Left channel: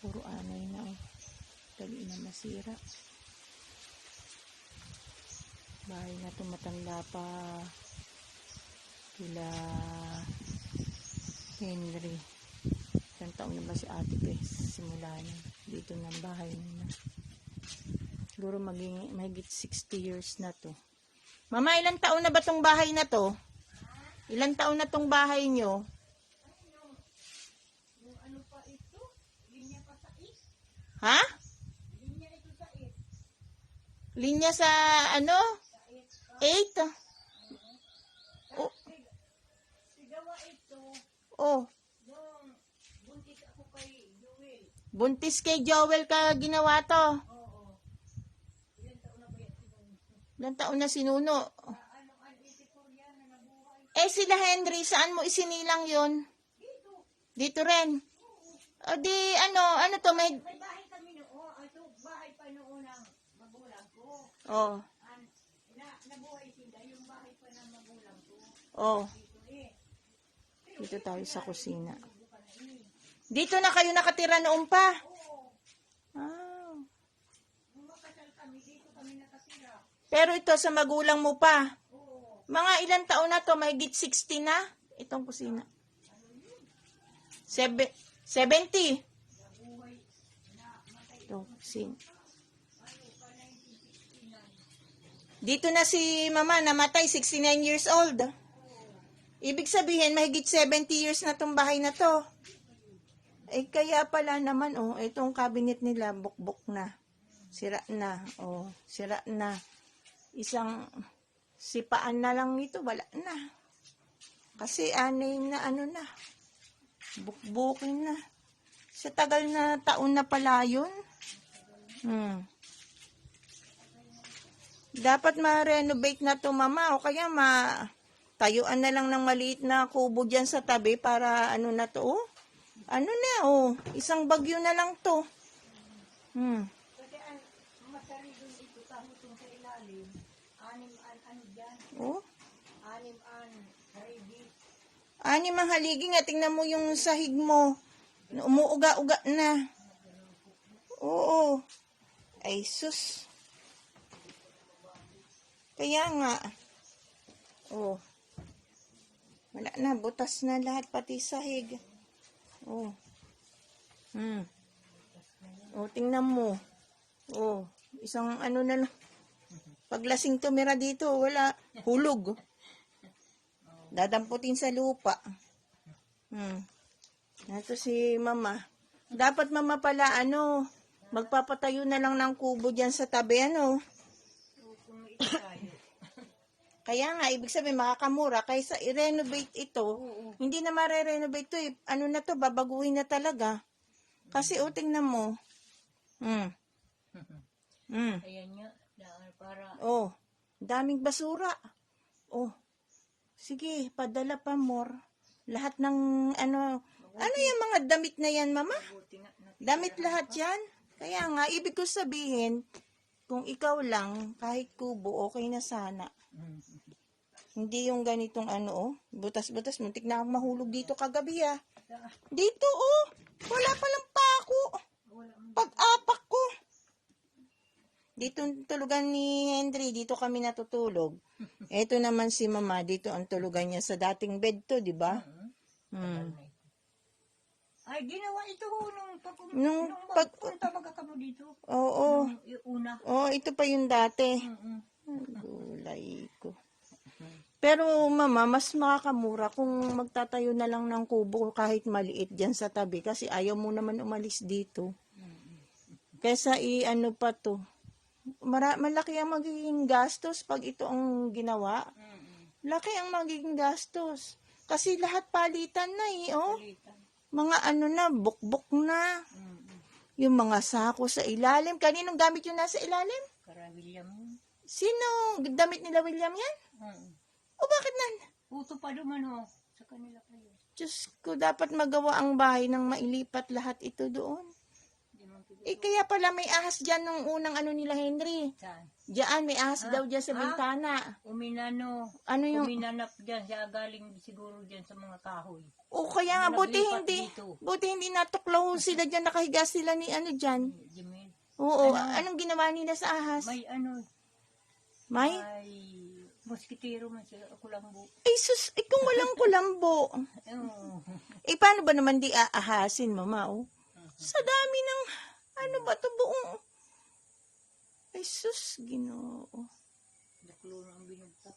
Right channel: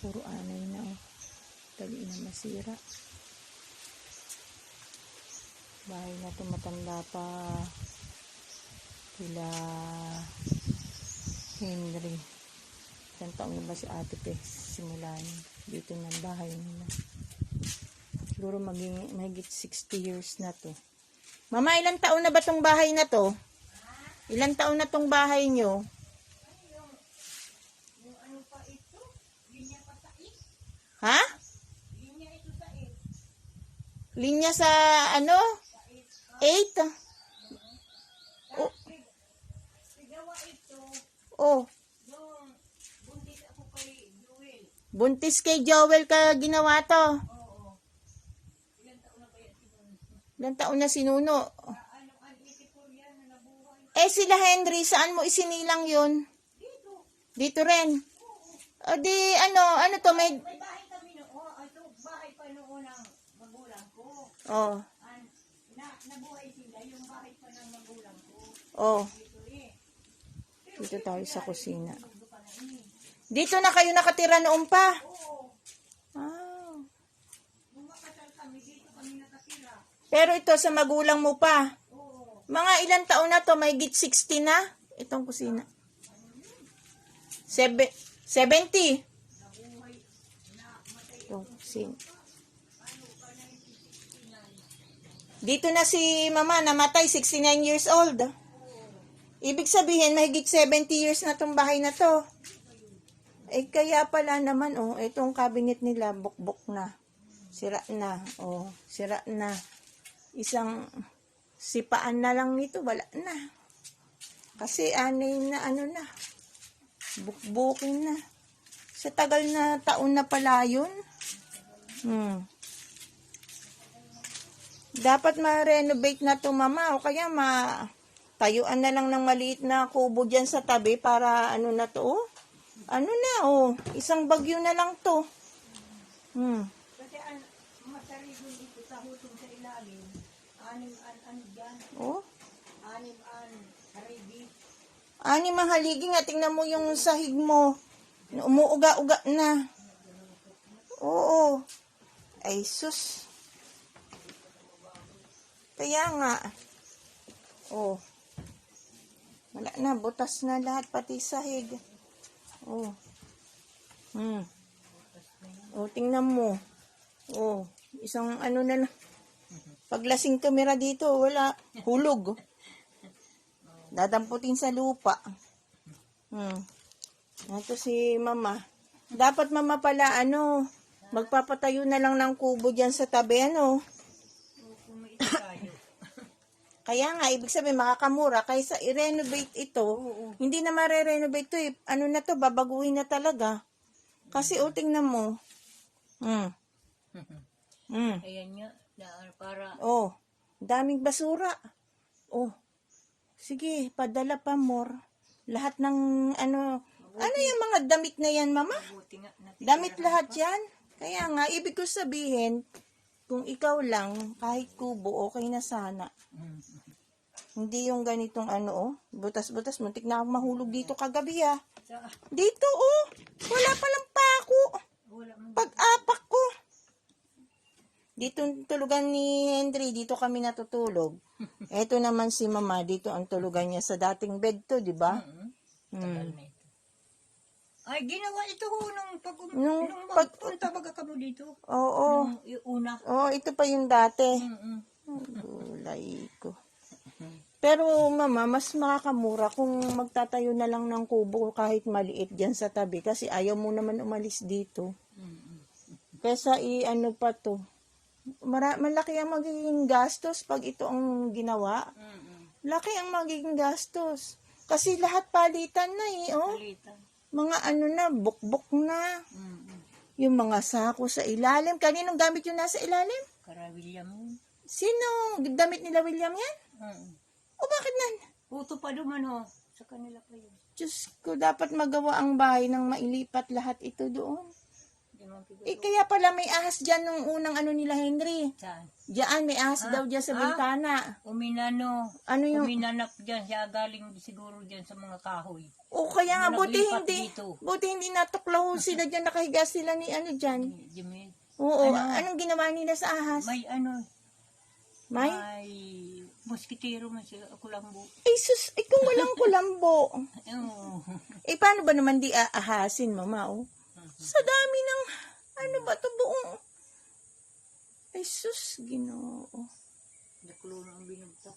Puro anay na. Tali na masira. Bahay na ito matanda pa. Kila Henry. Ilang taon na ba si Ate Tess? Simulan. Dito na bahay nila. Siguro mahigit 60 years na to. Mama, ilang taon na ba tong bahay na to? Ilang taon na tong bahay nyo? Yung ano pa ito? Linya pa sa is? Ha? Linya ito sa is? Linya sa ano? Sa is ka? 8? Oh. Sigawa ito. Oh. Yung buntis ako kay Joel. Buntis kay Joel ka ginawa to. Oo. Ilang taon na ba yan sinuno? Ilang taon na sinuno? Ano, an 84 yan na nabuhay. Sila Henry, saan mo isinilang yun? Dito. Dito rin. O di, ano to, may... May bahay kami noon. Ito, bahay pa noon ng magulang ko. Oh, Nabuhay sila. Yung bahay pa ng magulang ko. oh. Dito eh. Dito tayo sa kusina. Dito pa na ini. Dito na kayo nakatira noon pa? Oo. Ah. Nung makasal kami, dito kami nakatira. Pero ito sa magulang mo pa. Oo. Mga ilang taon na to? May git 60 na? Itong kusina. 70. Nabuhay na matay. Itong kusina. Dito na si mama namatay, 69 years old. Ibig sabihin, mahigit 70 years na tong bahay na to. Kaya pala naman, itong cabinet nila, bukbok na. Sira na, sira na. Isang sipaan na lang nito, wala na. Kasi anay na na, bukbukin na. Sa tagal na taon na pala yun. Dapat ma-renovate na to mama, o kaya tayuan na lang ng maliit na kubo dyan sa tabi para na to, isang bagyo na lang to. Kasi masari doon dito sa hutong sa ilalim. Ano dyan? Haridi. Anim ang haligi nga, tingnan mo yung sahig mo. Umuuga-uga na. Oo. Ay sus. Kaya nga. Wala na, butas na lahat, pati sahig. Tingnan mo. Isang na. Paglasing tumira dito, wala. Hulog. Dadamputin sa lupa. Ito si mama. Dapat mama pala, magpapatayo na lang ng kubo dyan sa tabi, Kung may tayo. Kaya nga, ibig sabihin, makakamura. Kaysa i-renovate ito, hindi na mare-renovate ito eh. Na to, babaguhin na talaga. Kasi, tingnan mo. Ayan nga. Para... daming basura. Sige, padala pa more. Lahat ng, yung mga damit na yan, mama? Damit lahat yan. Kaya nga, ibig ko sabihin, kung ikaw lang, kahit kubo, okay na sana. Hindi yung ganitong butas-butas. Muntik na ako mahulog dito kagabi, ha. Dito, wala palang pako. Pag-apak ko. Dito tulugan ni Henry, dito kami natutulog. Eto naman si mama, dito ang tulugan niya sa dating bed to, di ba? Ay, ginawa ito nung pagpunta baga ka mo dito. Oo. Yung una. Ito pa yung dati. Gulay ko. Pero mama, mas makakamura kung magtatayo na lang ng kubo kahit maliit dyan sa tabi. Kasi ayaw mo naman umalis dito. Kesa pa to. Malaki ang magiging gastos pag ito ang ginawa. Laki ang magiging gastos. Kasi lahat palitan na Palitan. Mga na, bukbok na. Yung mga sako sa ilalim. Kaninong gamit yung nasa ilalim? Para William. Sino? Damit nila William yan? Bakit nan? Uto pa duman sa kanila pa yun. Diyos ko, dapat magawa ang bahay ng mailipat lahat ito doon. Hindi mo kaya pala may ahas dyan nung unang ano nila, Henry. Saan? Diyan, may ahas daw dyan sa bintana. Ano yung... Uminanap dyan siya, galing siguro dyan sa mga kahoy. O kaya nga, buti Naglipat hindi. dito. Buti hindi nataklaw sila dyan, nakahiga sila ni ano dyan. Jimmy, Oo, anong ginawa nila sa ahas? may May? muskitero man siya, kulambo. Ay sus, ikaw walang kulambo. Oo. Paano ba naman di aahasin, mama, oh? Sa dami ng, ano ba ito buong? Ay sus, Ginoo. Nakulo ng binugtap.